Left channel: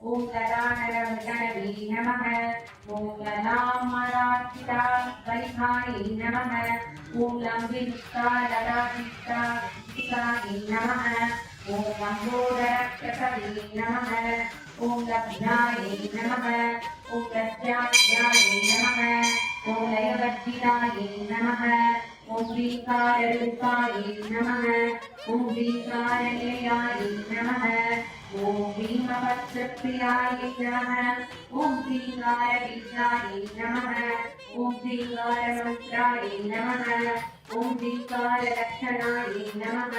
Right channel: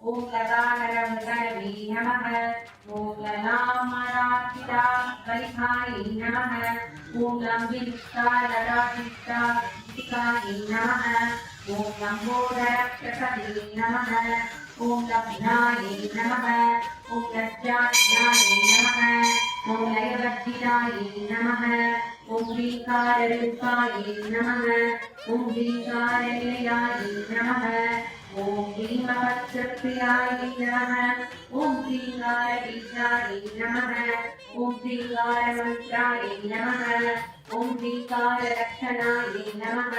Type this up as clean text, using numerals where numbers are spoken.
ஓம் லதானரமுதனவே நமः. ஓம் லதாமராக்கிதா பரிகாயை நமः. ஓம் லம்பிவிஷ்டாலராவிஷ்டா விகாயை நமः. ஓம் லம்போதரக்ஷசவே நமः. ஓம் லப்னாயை நமः. ஓம் லஜ்ஜாத்யாயை நமः. ஓம் லயவர்த்திதாயை நமः. ஓம் ஸ்ரீகாரரூபாயை நமः. ஓம் ஸ்ரீகாரநிலையாயை நமः. ஓம் பீமபத்ரப்ரியாயை நமः. ஓம் ஸ்ரீகாரபீஜாயை நமः. ஓம் ஸ்ரீகாரமந்த்ராயை நமः. ஓம் ஸ்ரீகாரலக்ஷணாயை நமः.